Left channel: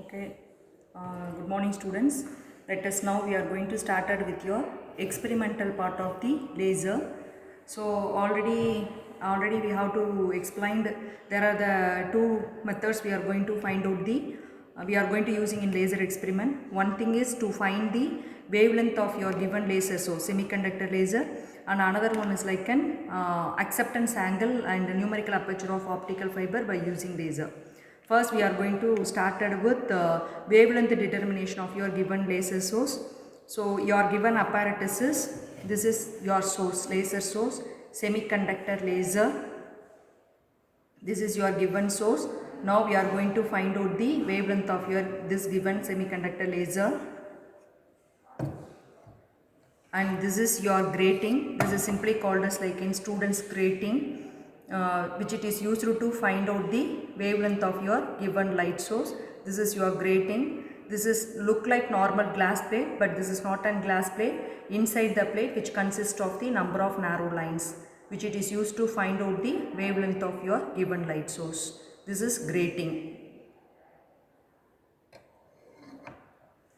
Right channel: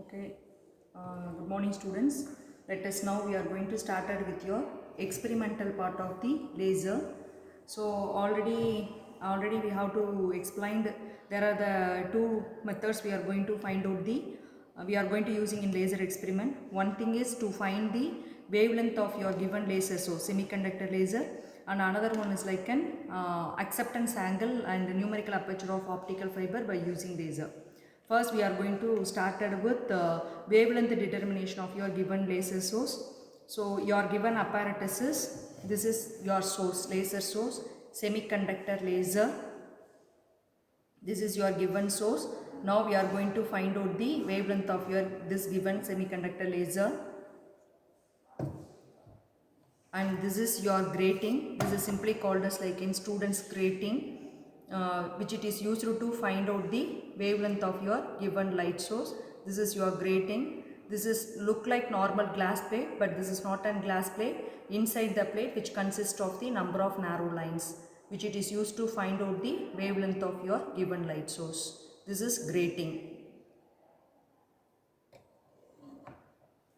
Okay, good morning students. Let us now we are going to start with your experimental part of the laser. So already we have to explained there are the two methods we are going to find out we are going to using in laser experiment. One thing is to find the wavelength of your given laser, so semiconductor laser, and another one is like an acceptance angle and numerical aperture of optical fiber by using laser. First we are going to start with wavelength determination of your given laser source. So your given apparatus is, this is your source, laser source, semiconductor laser. This is your given source. Now we are going to find out the wavelength of your this given semiconductor laser. And this is your grating. This is simply called as like in students grating, which it is used to find out the wavelength of your given light source. This is your grating. This is look like normal glass plate, but this is not a glass plate. Inside the plate, which consists of the number of narrow lines, which it is used to find out the wavelength of your given light source. This is grating.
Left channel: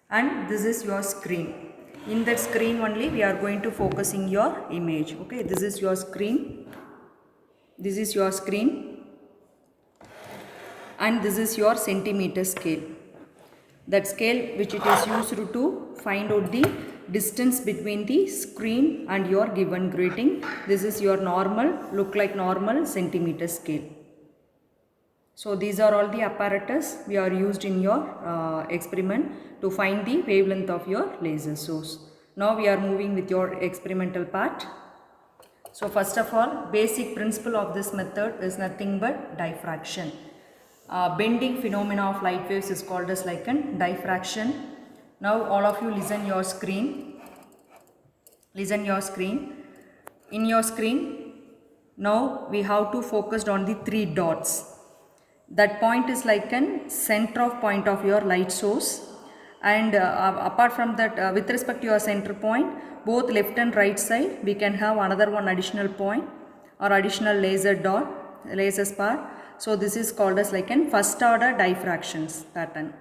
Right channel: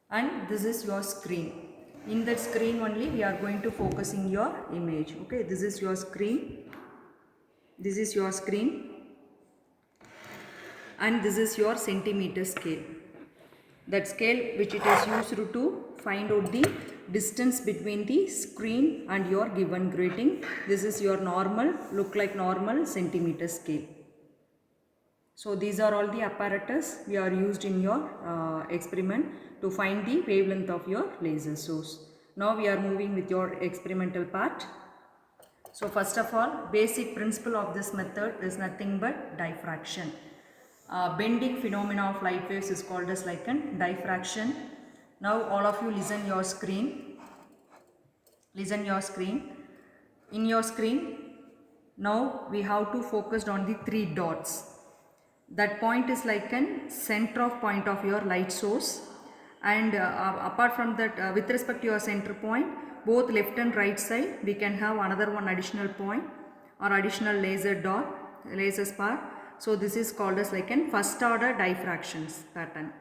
And this is your screen. In that screen only we are going to focusing your image. Okay, this is your screen. This is your screen. And this is your centimeter scale. That scale which it is used to find out the distance between the screen and your given grating. This is your normal, look like normal centimeter scale. So these are all the apparatus we are used in your experiment to find the wavelength of your laser source. Now we are moving with your experimental part. So first of all, basic principle of this method is nothing but diffraction. Bending phenomena of light waves is called as like an diffraction. Now all of you listen your screen. Listen your screen. In your screen, now we have to focus on the three dots. That point is like an center of point of your light source, and apart from that, with respect to your center point, both left and right side we can have another one additional point or additional laser dot, laser spot. So this is called as like an first order diffractions pattern.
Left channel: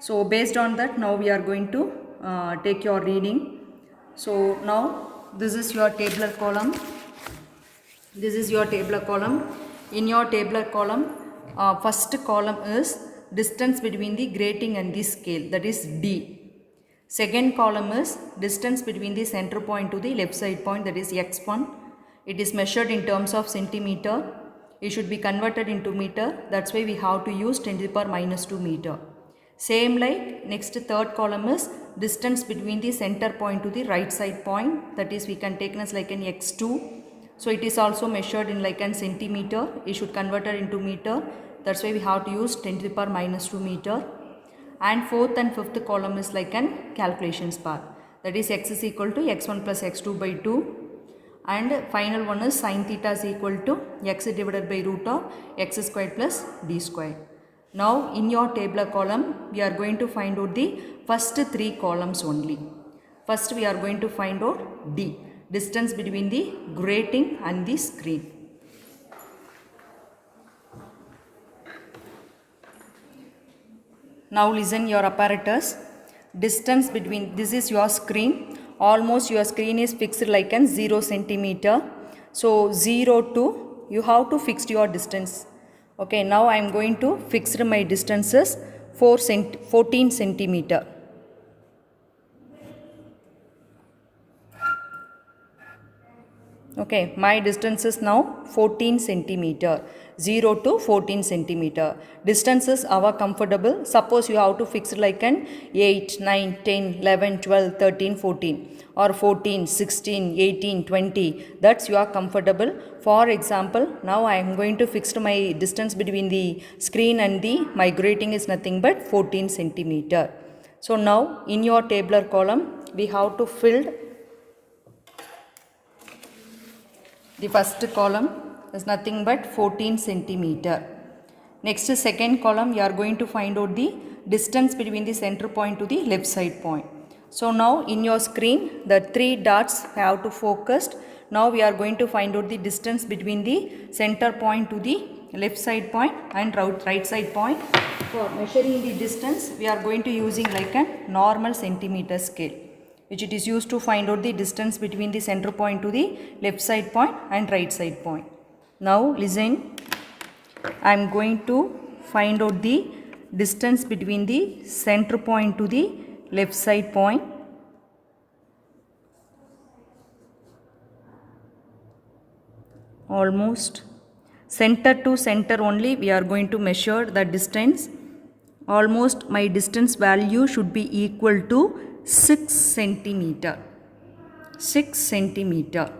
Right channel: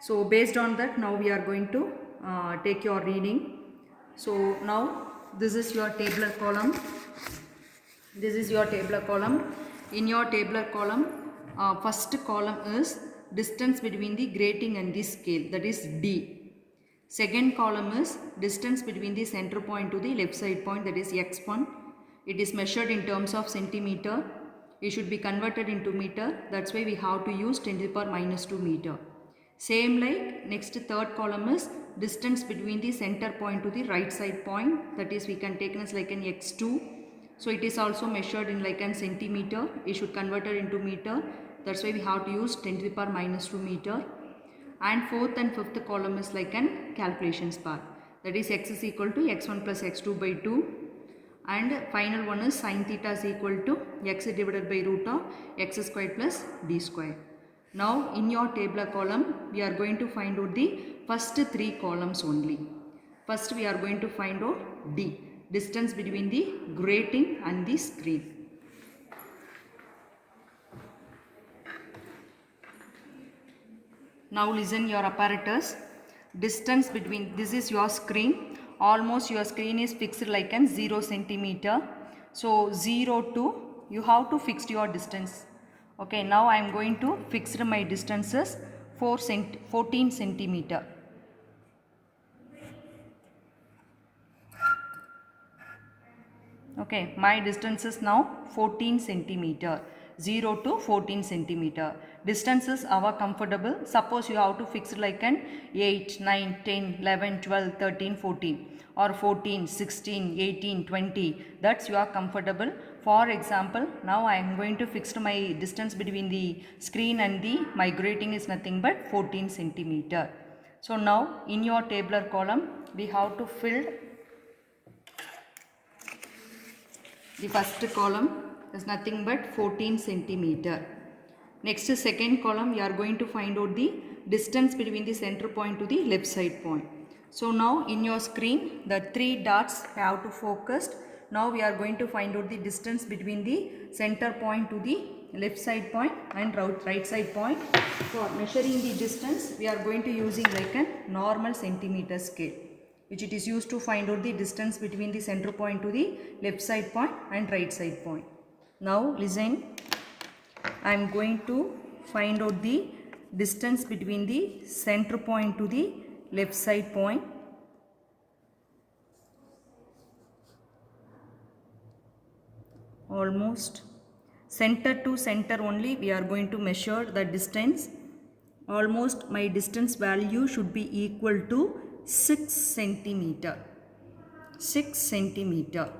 So based on that, now we are going to take your reading. So now this is your tabular column. This is your tabular column. In your tabular column, first column is distance between the grating and the scale, that is D. Second column is distance between the center point to the left side point, that is x1. It is measured in terms of centimeter. It should be converted into meter. That's why we have to use 10 to the power minus 2 meter. Same like next third column is distance between the center point to the right side point, that is we can take as like an x2. So it is also measured in like an centimeter. It should convert it into meter. That's why we have to use 10 to the power minus 2 meter. And fourth and fifth column is like an calculations part. That is x is equal to x1 plus x2 by 2. And final one is sin theta is equal to x divided by root of x squared plus d squared. Now in your tabular column, we are going to find out the first three columns only. First we are going to find out D, distance between the grating and the screen. Now listen your apparatus. Distance between, this is your screen. Almost your screen is fixed like an 0 centimeter. So 0 to, you have to fix your distance. Okay, now I am going to fix my distances 14 centimeter. Okay, my distance is now 14 centimeter. 0 to 14 centimeter. Distances are comfortable. Suppose you have to fix like an 8, 9, 10, 11, 12, 13, 14 or 14, 16, 18, 20. That's you are comfortable. For example, now I am going to fix my distance between the screen and the my grating is nothing but 14 centimeter. So now in your tabular column, we have to fill the first column is nothing but 14 centimeter. Next second column, you are going to find out the distance between the center point to the left side point. So now in your screen, the three dots have to focus. Now we are going to find out the distance between the center point to the left side point and right side point. For measuring the distance, we are going to using like a normal centimeter scale, which it is used to find out the distance between the center point to the left side point and right side point. Now listen, I am going to find out the distance between the center point to the left side point. Almost center to center only we are going to measure the distance. Almost my distance value should be equal to 6 centimeter. 6 centimeter.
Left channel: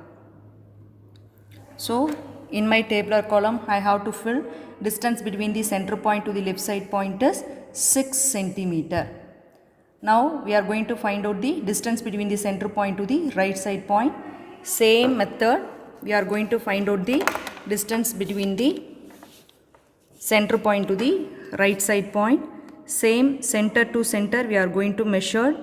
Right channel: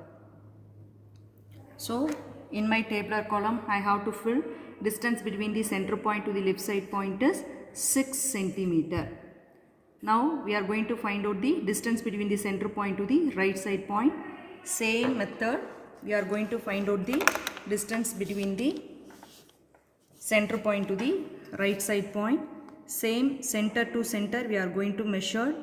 So in my tabular column I have to fill distance between the center point to the left side point is 6 centimeter. Now we are going to find out the distance between the center point to the right side point. Same method, we are going to find out the distance between the center point to the right side point. Same center to center we are going to measure.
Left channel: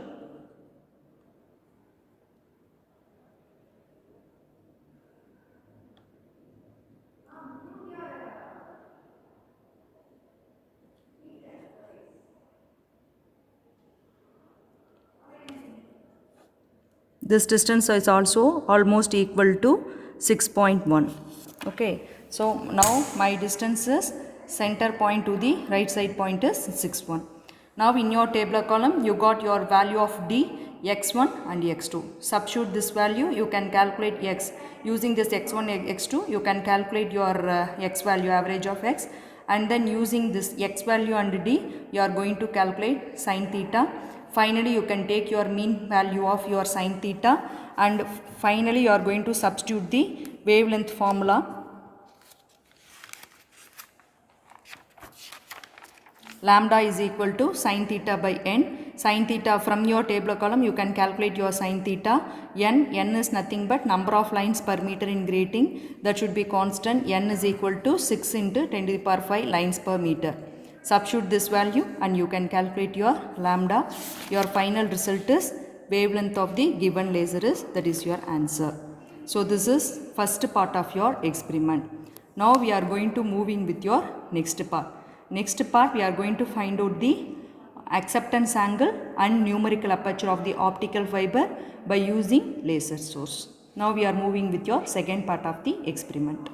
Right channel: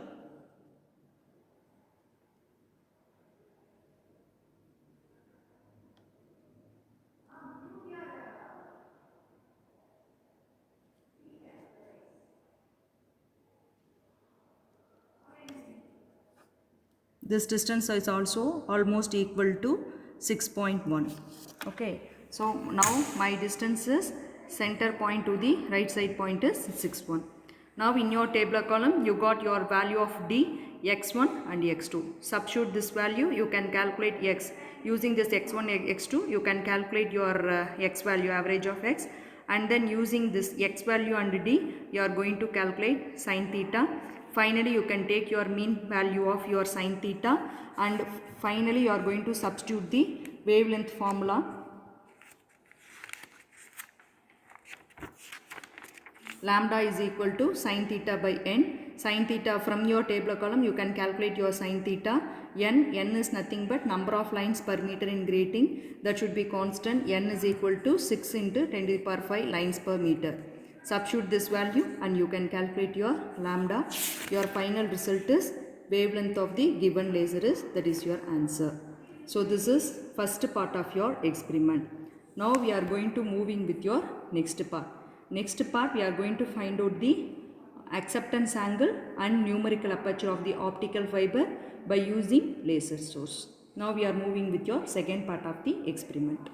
This distance is also almost equal to 6.1. Okay, so now my distance is center point to the right side point is 6.1. Now in your tabular column you got your value of D, x1 and x2. Substitute this value, you can calculate x. Using this x1, x2 you can calculate your x value, average of x, and then using this x value and D you are going to calculate sin theta. Finally you can take your mean value of your sin theta, and finally you are going to substitute the wavelength formula. Lambda is equal to sin theta by n. Sin theta, from your tabular column you can calculate your sin theta. N is nothing but number of lines per meter in grating, that should be constant. N is equal to 6 into 10 to the power 5 lines per meter. Substitute this value and you can calculate your lambda. Your final result is wavelength of the given laser is, that is your answer. So this is first part of your experiment. Now we are going to moving with your next part. Next part we are going to find out the acceptance angle and numerical aperture of the optical fiber by using laser source. Now we are moving with your second part of the experiment.